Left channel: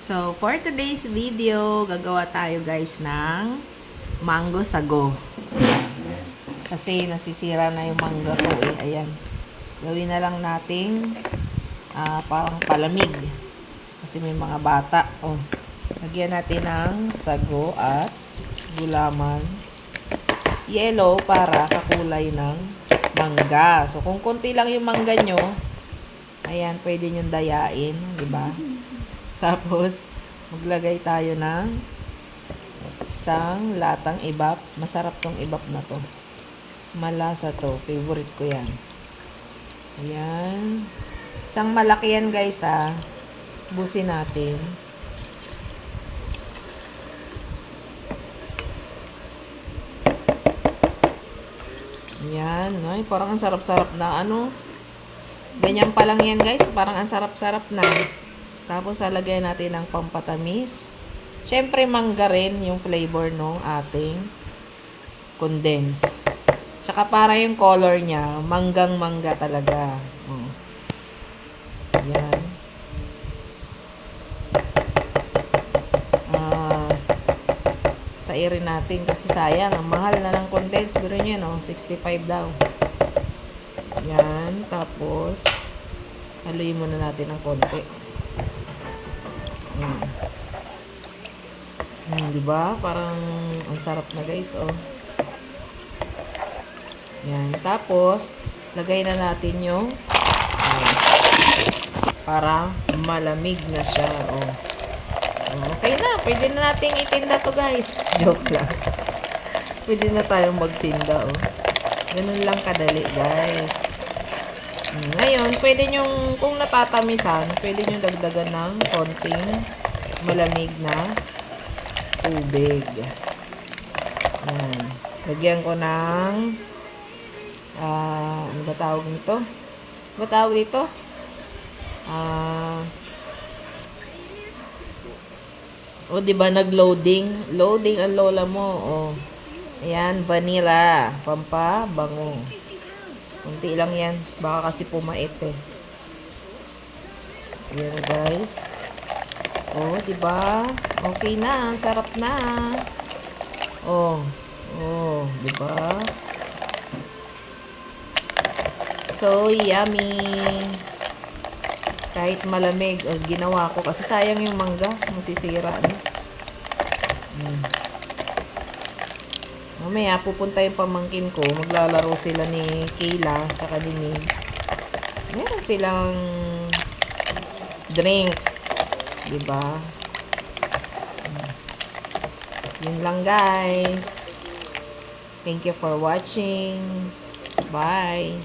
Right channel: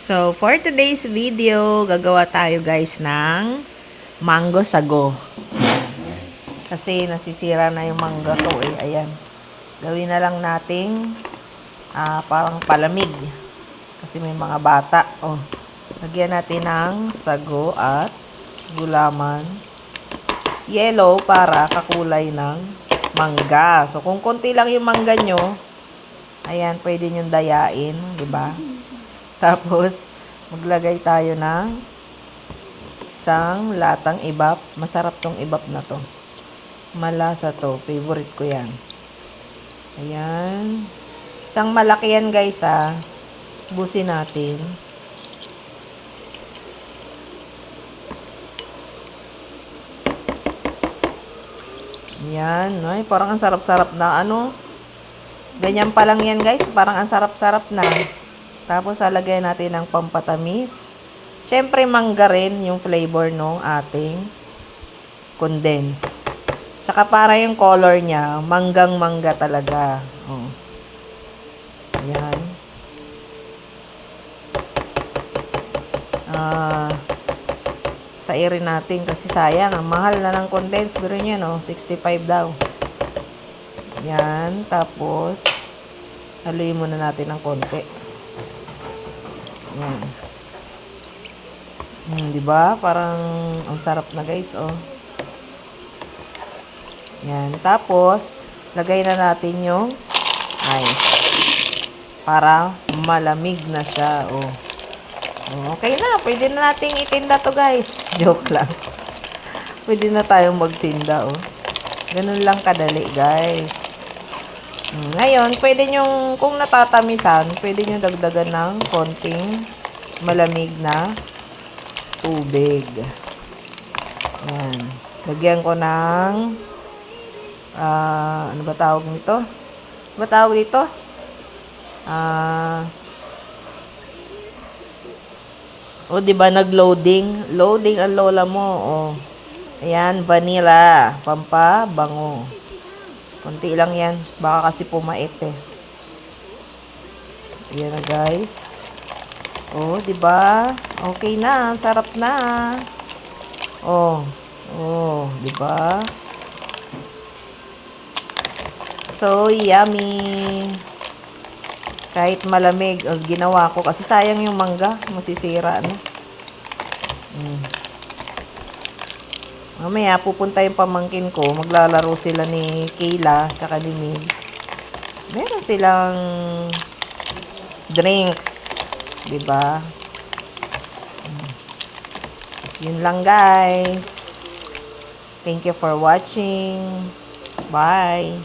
So, for today's video, gagawa tayo guys ng mango sago. Kasi nasisira na yung mangga ko eh. Ayan. Gawin na lang nating parang palamig. Kasi may mga bata. Oh. Lagyan natin ng sago at gulaman. Yellow para kakulay ng mangga. So, kung konti lang yung mangga nyo, ayan, pwede nyo dayain. Diba? Tapos, maglagay tayo ng isang latang ibap. Masarap tong ibap na to. Malasa to. Favorite ko yan. Ayan. Isang malaki yan guys ha. Busin natin. Ayan. Ay, parang ang sarap-sarap na ano. Ganyan pa lang yan guys. Parang ang sarap-sarap na. Tapos, lalagyan natin ng pampatamis. Siyempre, mangga rin yung flavor ng ating condense. Tsaka para yung color niya, manggang-mangga talaga. Oh. Ayan. Sairin natin kasi sayang. Ang mahal na ng condense. Pero nyo, no? 65 daw. Ayan. Tapos, haluin muna natin ng konti. Diba? Parang ang sarap na guys, oh. Yan. Tapos, lagay na natin yung ice. Para malamig na siya, oh. Okay na. Pwede na natin itinda to guys. Joke lang. Pwede na tayong magtinda, oh. Ganun lang kadali, guys. Ngayon, pwede nyo, kung natatamisan, pwede nyo dagdagan ng konting malamig na tubig. Ayan. Lagyan ko ng ano ba tawag nito? Ano ba tawag dito? Diba nag-loading? Loading ang lola mo. Oh. Ayan, vanilla. Pampabango. Kunti lang yan. Baka kasi pumait eh. Ayan na guys. Oh, diba? Okay na. Sarap na. Oh, diba? So, yummy. Kahit malamig. Oh, ginawa ko. Kasi sayang yung mangga. Masisira na. Mamaya, pupunta yung pamangkin ko. Maglalaro sila ni Kayla tsaka ni Migs. Meron silang drinks. Diba? Yun lang guys. Thank you for watching. Bye.